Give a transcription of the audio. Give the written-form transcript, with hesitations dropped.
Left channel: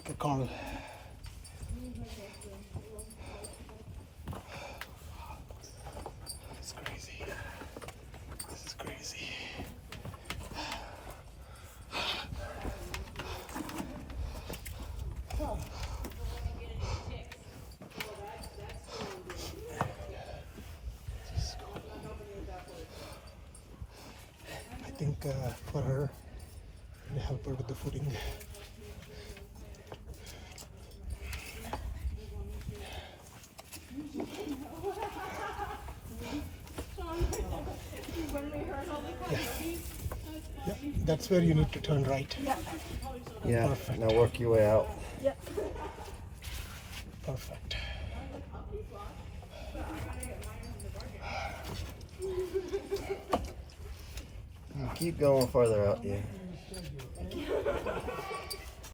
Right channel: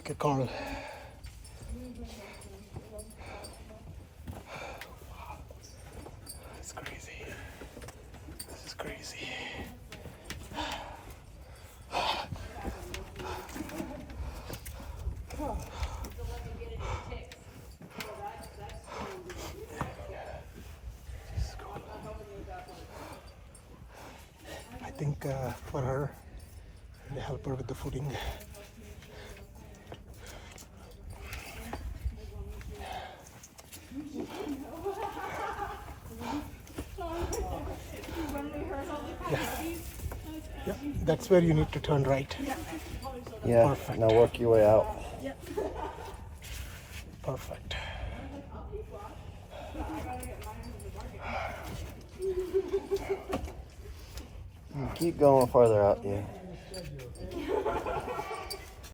Okay, Carl. It's crazy. This is crazy. I think for her, I'll help her with the footing. Yeah, that's where you need to turn right. Yeah. Perfect. Now work your way out. Perfect. Keep going farther out, yeah.